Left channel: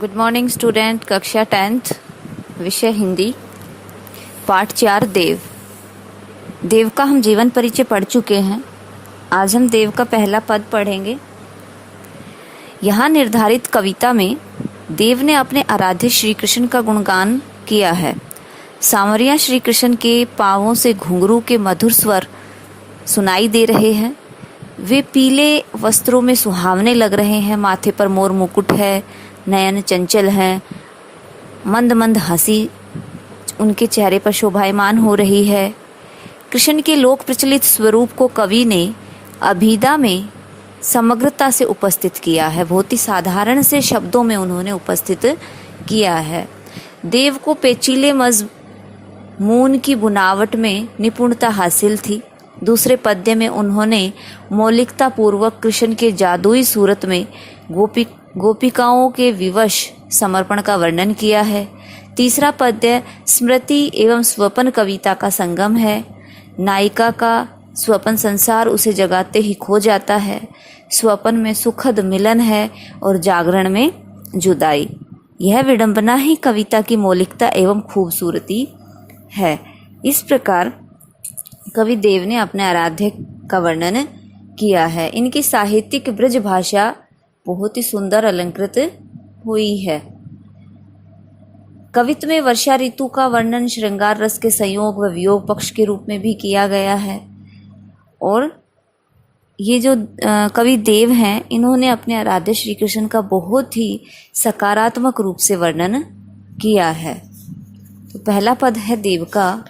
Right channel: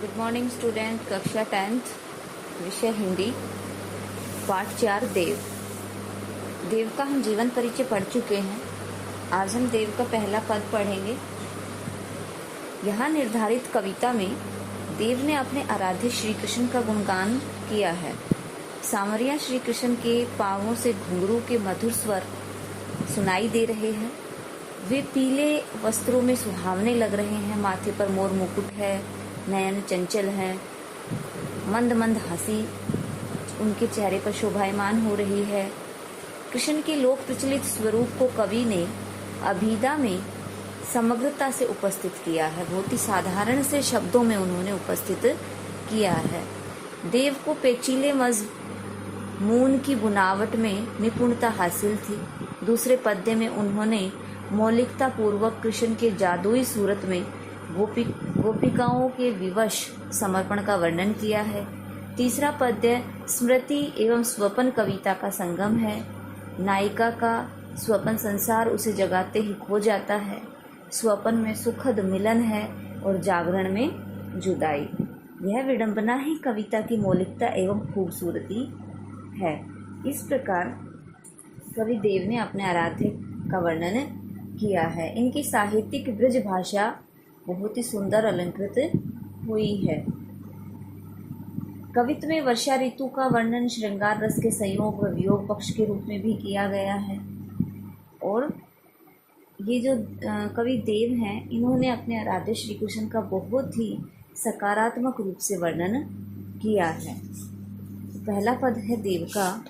Good morning student. कक्षा 10th, विषय हिंदी, पाठ 4 देव। देव का हम जीवन परिचय पढ़ चुके हैं। आज हम देव का पहला पद पढ़ेंगे। यहाँ निर्धारित कविता में देव ने अपने आराध्य श्री कृष्ण का गुणगान किया है। सांवरिया श्री कृष्ण के पाँवों से घुंघरू के मधुर स्वर सुनाई दे रहे हैं। वे पीले वस्त्रों में सुहावने लग रहे हैं। माथे पर मोर मुकुट है, नयन चंचल हैं, मंद मंद हंसी उनके चेहरे पर शोभायमान हो रही है। कृष्ण के लोक प्रचलित स्वरूप को कवि ने अभिधा में समग्रता से उपस्थित किया है। बहुत ही साधारण से शब्दों में उन्होंने उपस्थित किया है। देव को पेचीले मज़मून की बुनावट में निपुणता हासिल थी। दूसरे पद्य में उन्होंने मौलिकता पूर्वक कृष्ण के जादुई सूरत में गोपिकाओं के विवश समर्पण का वर्णन किया है। तीसरा पद्य स्मृति एवं स्वप्न कविता का संगम है। नायिका का स्वप्न संसार उसे जगाते ही खो जाता है। स्वप्न में सुखद मिलन है और जागरण में जुदाई। यह विडंबना ही कविता की मौलिकता एवं खूबसूरती है। इस प्रकार कवि देव ने अपने आराध्य का वर्णन किया है। इनकी साहित्यिक ब्रज भाषा बहुत ही सुंदर अलंकृत हुई है। कवित्व में वर्षा ऋतु का वर्णन श्रृंगार रस के संयोग व वियोग पक्ष के रूप में भी किया गया है। और ये जो कवि देव हैं, इन्होंने अपने आराध्य श्री कृष्ण का बहुत ही सकारात्मक रूप से वर्णन किया है। तो पहला पद है देव का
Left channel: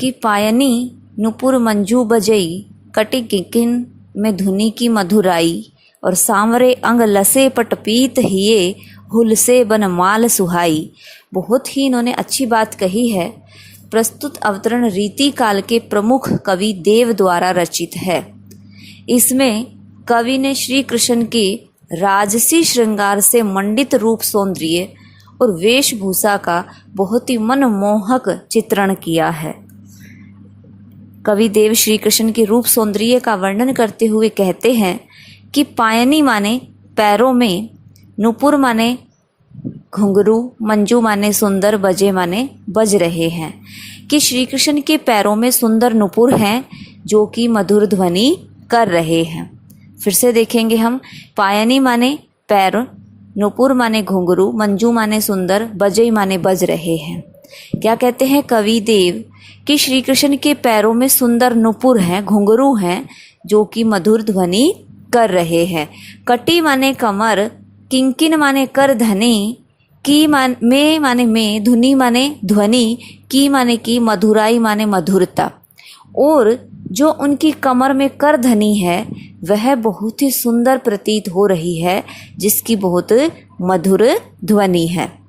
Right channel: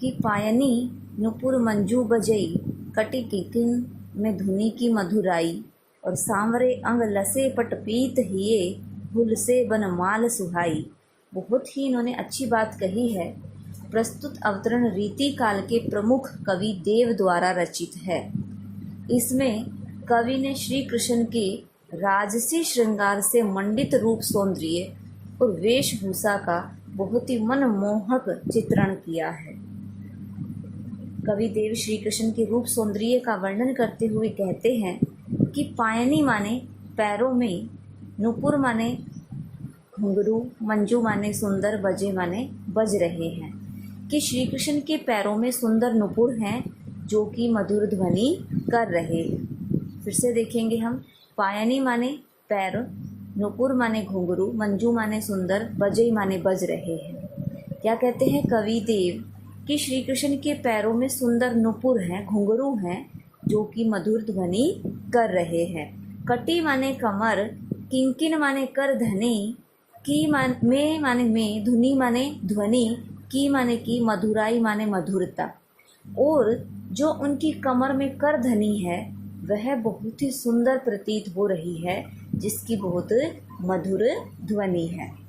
कि पायनी नुपुर मंजू बजई, कटी किकिन में धुनी की मधुराई, और सांवरे अंग लसे पटपीत हिये, हुलसे बन माल सुहाई। बहुत ही इन्होंने अच्छी बात कही है। प्रस्तुत अवतरण रीति काल के प्रमुख कवि देव द्वारा रचित है। इसमें कवि ने श्री कृष्ण के राजसी श्रृंगार से मंडित रूप सौंदर्य और वेशभूषा का बहुत ही मनमोहक चित्रण किया है। कवि देव श्री कृष्ण के रूप सौंदर्य का वर्णन करते हुए कहते हैं कि पायनी माने पैरों में, नुपुर माने घुंघरू, मंजू माने सुंदर, बजे माने बज रहे हैं। कि श्री कृष्ण के पैरों में सुंदर नुपुर हैं जो कि मधुर ध्वनि कर रहे हैं। फिर से देखेंगे हम। पायनी माने पैर, नुपुर माने घुंघरू, मंजू माने सुंदर, बजे माने बज रहे हैं। क्या कहते हैं कवि देव कि श्री कृष्ण के पैरों में सुंदर नुपुर हैं, घुंघरू हैं जो कि मधुर ध्वनि कर रहे हैं। कटी माने कमर, किंकिन माने कर धनी, की माने में, धुनी माने ध्वनि, की माने की, मधुराई माने मधुरता। और जो उनकी कमर में कर धनी है वह बहुत ही सुंदर प्रतीत हो रही है, जिसकी बहुत मधुर ध्वनि है।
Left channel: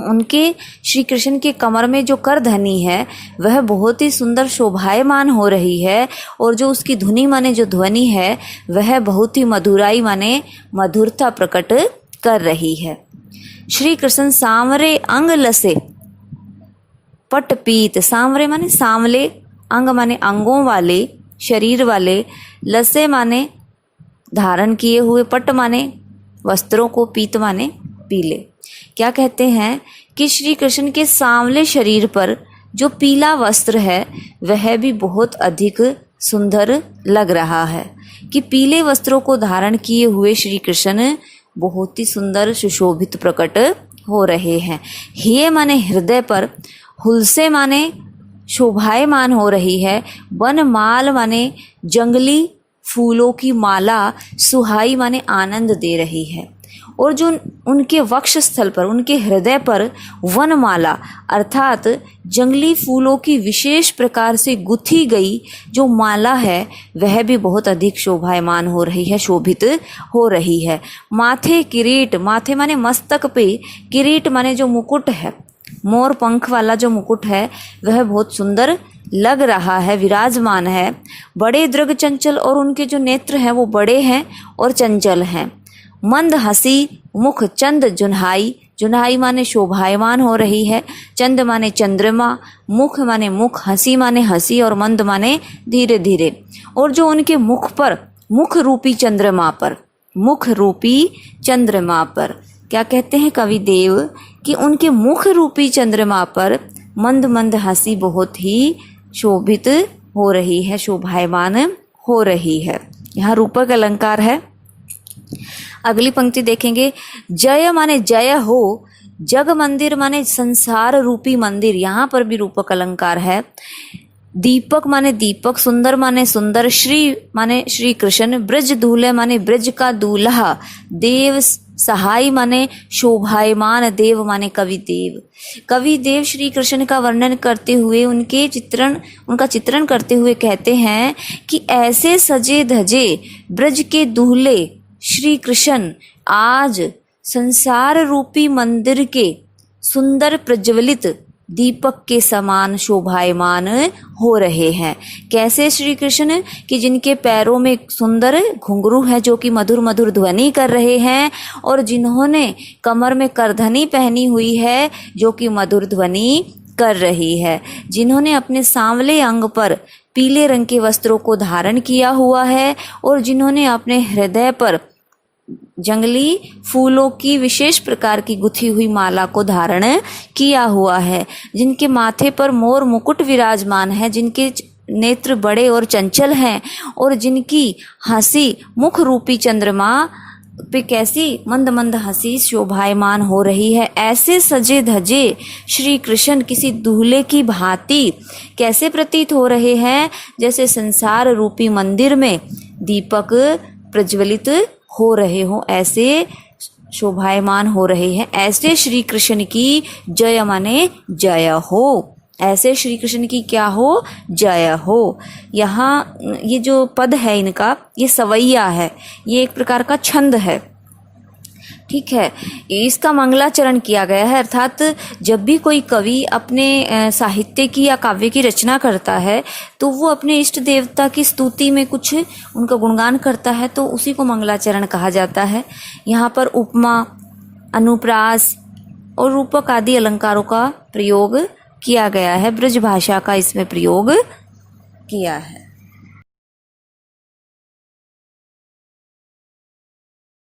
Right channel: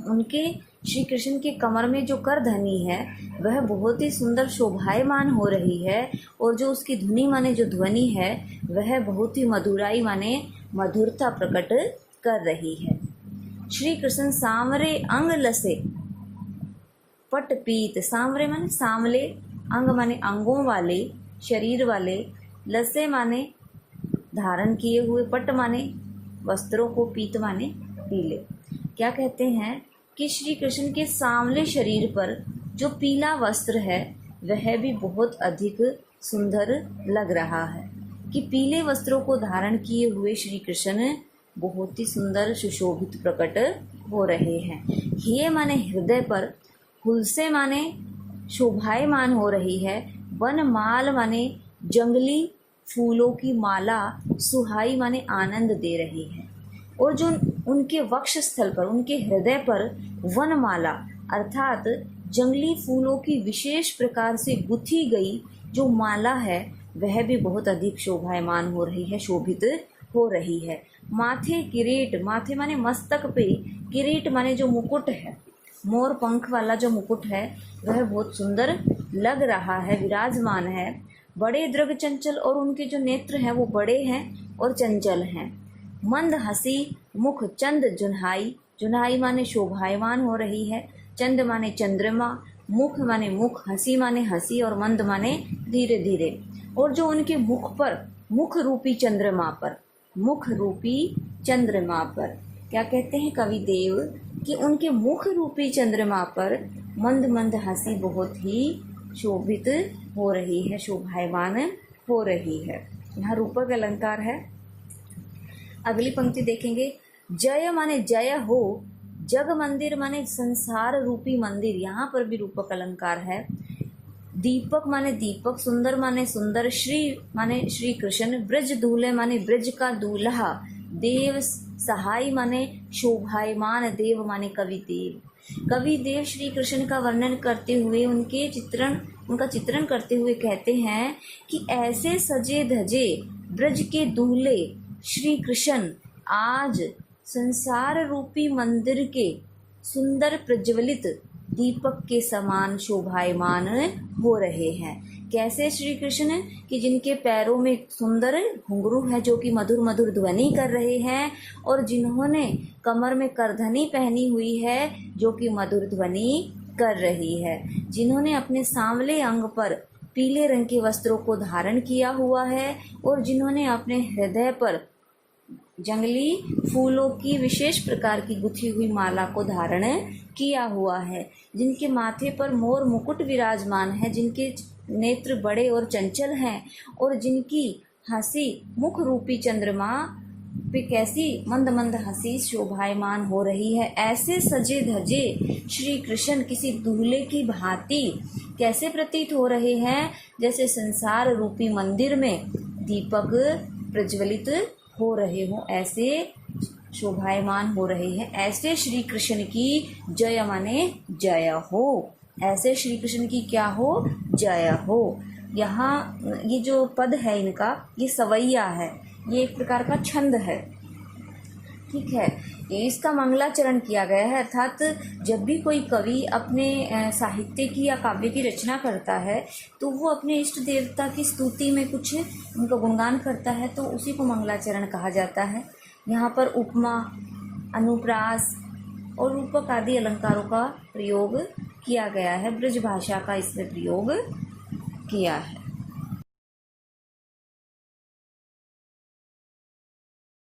उनके श्री कृष्ण के कमर में जो कर धनी है वह बहुत ही सुंदर शोभायमान हो रही है। और जो उसकी धुनी माने जो ध्वनि है वह बहुत ही मधुराई माने मधुरता प्रकट कर रही है। श्री कृष्ण सांवरे अंग लसे पटपीत, सांवरे माने सांवले, अंग माने अंगों वाले, शरीर वाले, लसे माने धारण किए हुए, पट माने वस्त्रों को, पीत माने पीले। क्या कहते हैं कि श्री कृष्ण के सांवले शरीर पर जो पीला वस्त्र है वह भी बहुत अधिक सुंदर लग रहा है। कि पीले वस्त्रों को धारण किए हुए श्री कृष्ण बहुत ही सुंदर सुशोभित प्रकट हो रहे हैं। हिये माने हृदय पर, हुलसे माने शोभायमान हो रही है, वन माल माने जंगली फूलों की माला, सुहाई माने आनंद दे रही है। और जो उनके वक्ष स्थल पर, उनके हृदय पर वनमाला अर्थात जंगली फूलों की विशेष प्रकार से गुथी गई जो माला है वह भी बहुत अधिक शोभायमान हो रही है, शोभित हो रही है। माथे किरीट, माथे माने मस्तक पे, किरीट माने जो मुकुट है, मोर पंख वाला जो मुकुट है वह बहुत सुंदर लग रहा है, विराजमान है। बड़े दृग चंचल, और उनके जो नेत्र हैं वो बड़े हैं और चंचल हैं। मंद हंसी, मुख चंद जुन्हाई, जुन्हाई माने शोभायमान हो रही है, चंद माने चंद्रमा, मुख माने मुख, हंसी माने हंसी, और मंद माने धीरे धीरे। और जो उनके मुख पर, मुख रूपी चंद्रमा पर, मुख रूपी चंद्रमा पर क्या कहते हैं कवि देव कि उनके मुख रूपी चंद्रमा पर मंद मंद हंसी बहुत ही शोभित हो रही है, शोभायमान हो रही है। यहाँ रूपक अलंकार है। अगली पंक्ति देखेंगे, जय माने जय हो, जग मंदिर माने संसार रूपी मंदिर, यहाँ पर भी रूपक अलंकार है। दीपक माने दीपक, सुंदर माने सुंदर, श्री माने श्री कृष्ण, ब्रज दूल्हे माने ब्रज का दूल्हा, देव सहाय माने शोभायमान, देव माने कवि देव। कवि देव श्री कृष्ण का वर्णन करते हुए उनका चित्रण करते हुए कहते हैं कि ऐसे सजे धजे ब्रज के दूल्हे श्री कृष्ण आज संसार रूपी मंदिर के सुंदर प्रज्वलित दीपक के समान शोभायमान हो रहे हैं। कैसे श्री कृष्ण कि जिनके पैरों में सुंदर घुंघरू है जो कि मधुर मधुर ध्वनि कर रहे हैं, और जिन्होंने कमर में करधनी पहनी हुई है जो कि मधुर ध्वनि कर रही है, जिन्होंने अपने सांवले अंग पर पीले रंग के वस्त्रों को धारण किया हुआ है, और जिन्होंने अपने हृदय पर जंगली फूलों की विशेष प्रकार की गुथी हुई माला को धारण किया हुआ है, जिनके माथे पर मोर मुकुट विराजमान है, जिनके नेत्र बड़े और चंचल हैं, और जिनकी हंसी मुख रूपी चंद्रमा पे कैसी मंद मंद हंसी शोभायमान हो रही है। ऐसे सजे धजे श्री कृष्ण किसी दूल्हे की भांति कैसे प्रतीत हो रहे हैं, जैसे संसार रूपी मंदिर में दीपक प्रज्वलित हो रहे हो, ऐसे शोभायमान हो रहे हैं। ऐसे श्री कृष्ण की जय माने जय हो, ऐसे श्री कृष्ण की क्या हो, जय हो। यहाँ ये जो पद है इनका, ये सवैया है, ये एक प्रकार का छंद है, ठीक है। इसका मंगलाचरण किया गया है, अर्थात जब भी कोई कवि अपने साहित्य की या काव्य की रचना करता है तो वो अपने इष्ट देवता की स्तुति में कुछ उनका गुणगान करता है, तो उसी को मंगलाचरण कहा जाता है। यहाँ पर उपमा, अनुप्रास और रूपक आदि अलंकारों का प्रयोग किया गया है, ब्रज भाषा का इसमें प्रयोग किया है।